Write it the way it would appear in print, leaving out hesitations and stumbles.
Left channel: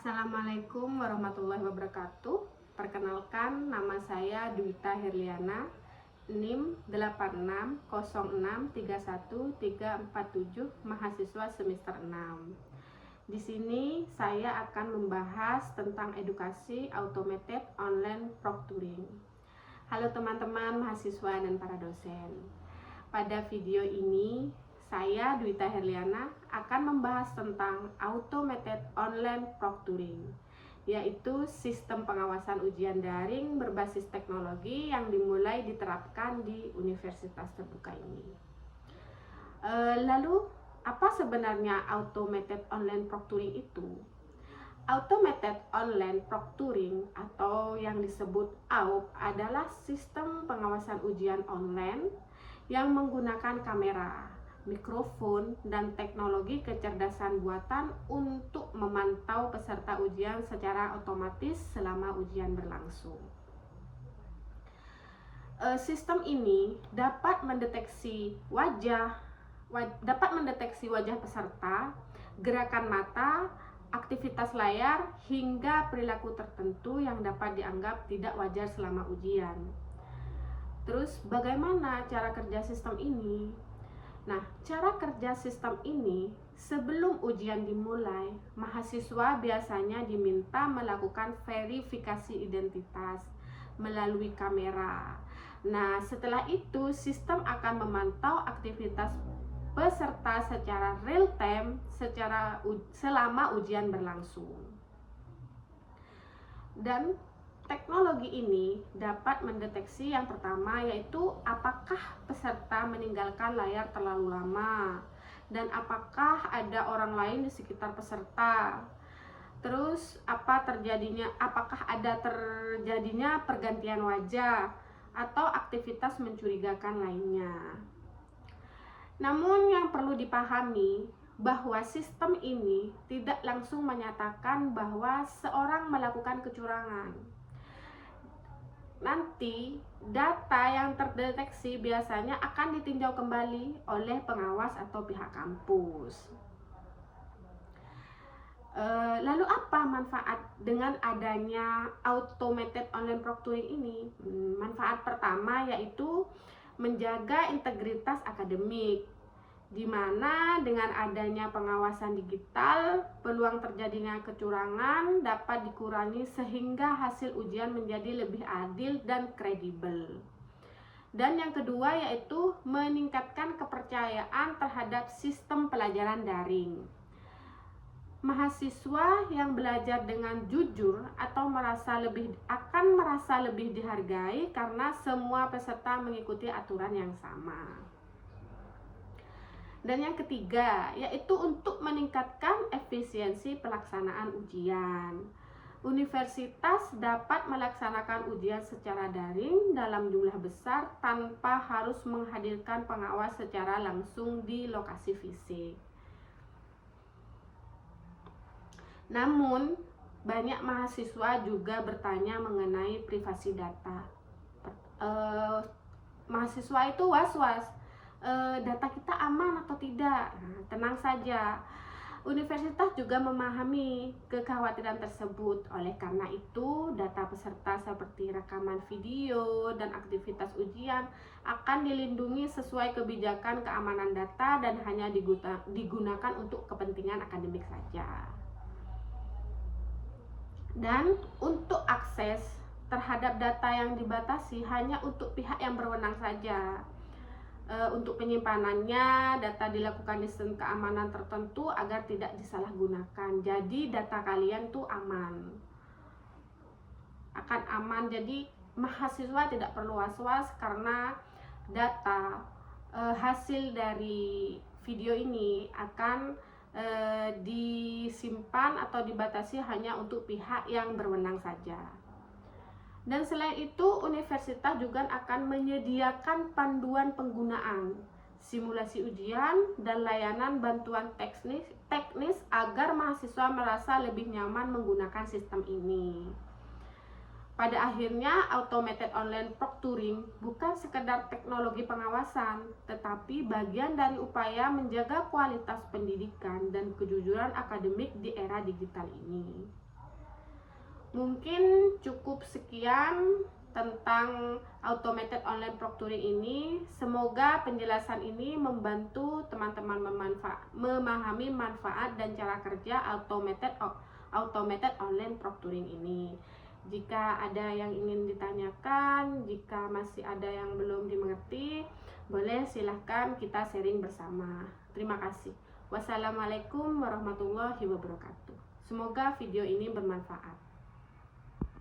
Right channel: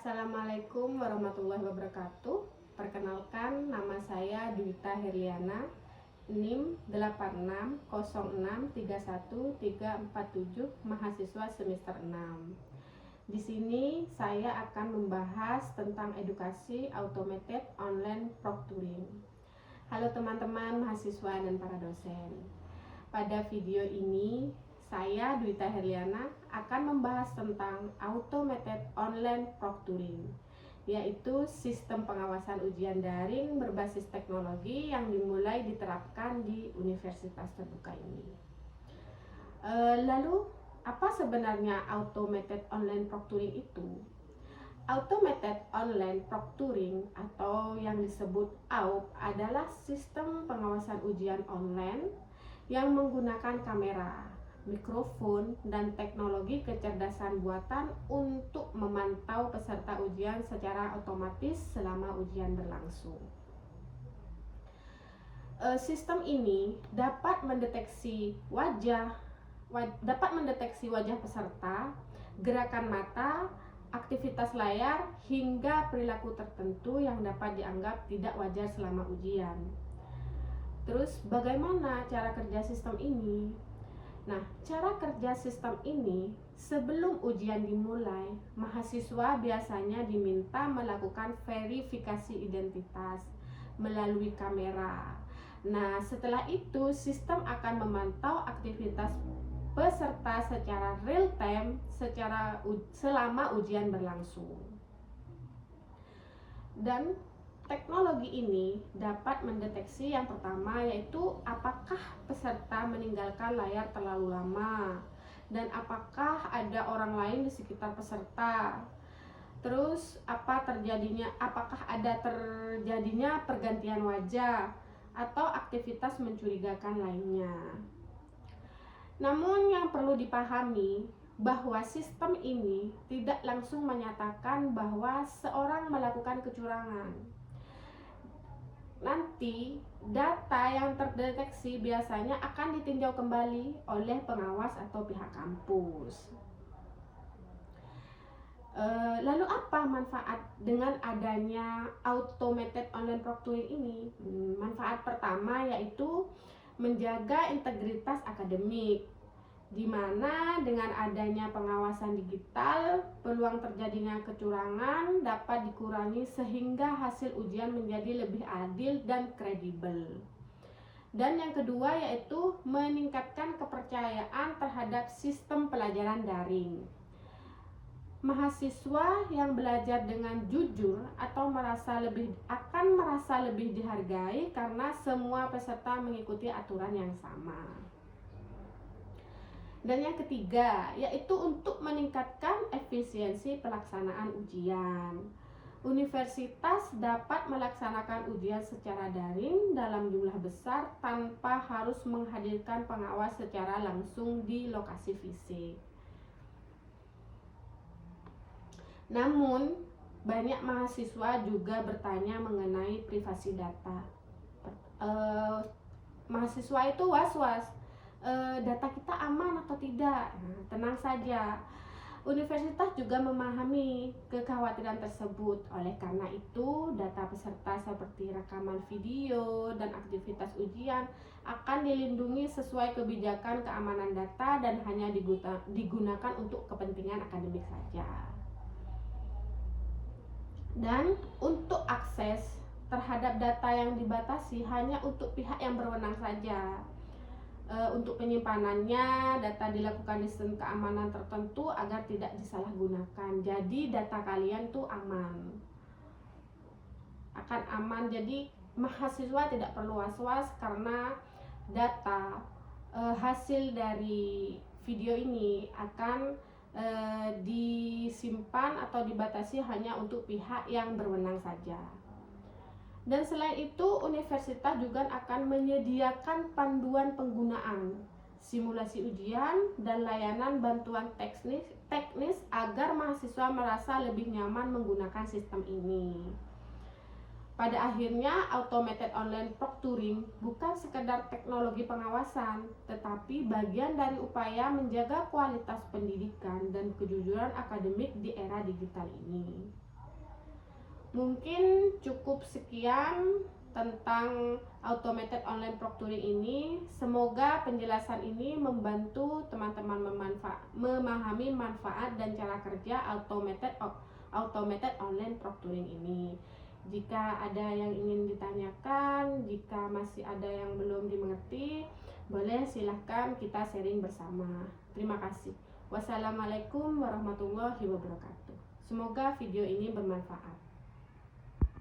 Assalamualaikum warahmatullahi wabarakatuh. Perkenalkan, nama saya Dwita Herliana, NIM 86063137, mahasiswa semester 6. Di sini saya akan membahas tentang edukasi automated online proctoring. Halo teman-teman mahasiswa dan para dosen. Pada video ini saya, Dwita Herliana, akan membahas tentang automated online proctoring, yaitu sistem pengawasan ujian daring berbasis teknologi yang dimulai diterapkan di universitas terbuka ini. Lalu, apa sebenarnya automated online proctoring itu? Automated online proctoring atau yang disebut AUP adalah sistem pengawasan ujian online yang menggunakan kamera, mikrofon, dan teknologi kecerdasan buatan untuk memantau peserta ujian secara otomatis selama ujian berlangsung. Sistem ini dapat mendeteksi wajah peserta, gerakan mata, aktivitas layar, hingga perilaku tertentu yang dapat dianggap tidak wajar selama ujian. Terus bagaimana cara kerja sistem ini? Nah, cara kerja sistem ini, sebelum ujian dimulai, mahasiswa biasanya diminta melakukan verifikasi identitas melalui kamera. Nah, setelah itu sistem akan memantau aktivitas peserta secara real time selama ujian berlangsung. Dan teknologi ini dapat mendeteksi yang pertama, yaitu apakah peserta meninggalkan layar terlalu lama dan apakah ada orang lain di sekitar peserta. Terus apakah ada terjadinya pergantian wajah atau aktivitas mencurigakan lainnya. Namun yang perlu dipahami bahwa sistem ini tidak langsung menyatakan bahwa seorang melakukan kecurangan. Nanti data yang terdeteksi biasanya akan ditinjau kembali oleh pengawas atau pihak kampus. Lalu apa manfaat dengan adanya automated online proctoring ini? Manfaat pertama yaitu menjaga integritas akademik, di mana dengan adanya pengawasan digital, peluang terjadinya kecurangan dapat dikurangi sehingga hasil ujian menjadi lebih adil dan kredibel. Dan yang kedua yaitu meningkatkan kepercayaan terhadap sistem pelajaran daring. Mahasiswa yang belajar dengan jujur akan merasa lebih dihargai karena semua peserta mengikuti aturan yang sama. Dan yang ketiga, yaitu untuk meningkatkan efisiensi pelaksanaan ujian. Universitas dapat melaksanakan ujian secara daring dalam jumlah besar tanpa harus menghadirkan pengawas secara langsung di lokasi fisik. Namun, banyak mahasiswa juga bertanya mengenai privasi data. Mahasiswa itu was-was, data kita aman atau tidak. Nah, tenang saja, universitas juga memahami kekhawatiran tersebut. Oleh karena itu, data peserta seperti rekaman video dan aktivitas ujian akan dilindungi sesuai kebijakan keamanan data dan hanya digunakan untuk kepentingan akademik saja. Dan untuk akses terhadap data yang dibatasi hanya untuk pihak yang berwenang saja. Untuk penyimpanannya, data dilakukan di sistem keamanan tertentu agar tidak disalahgunakan. Jadi data kalian tuh akan aman. Jadi mahasiswa tidak perlu was-was karena data hasil dari video ini akan disimpan atau dibatasi hanya untuk pihak yang berwenang saja. Dan selain itu, universitas juga akan menyediakan panduan penggunaan, simulasi ujian, dan layanan bantuan teknis agar mahasiswa merasa lebih nyaman menggunakan sistem ini. Pada akhirnya, automated online proctoring bukan sekedar teknologi pengawasan, tetapi bagian dari upaya menjaga kualitas pendidikan dan kejujuran akademik di era digital ini. Mungkin cukup sekian tentang automated online proctoring ini. Semoga penjelasan ini membantu teman-teman memahami manfaat dan cara kerja automated online proctoring ini. Jika ada yang ingin ditanyakan, jika masih ada yang belum dimengerti, boleh silahkan kita sharing bersama. Terima kasih. Wassalamualaikum warahmatullahi wabarakatuh. Semoga video ini bermanfaat.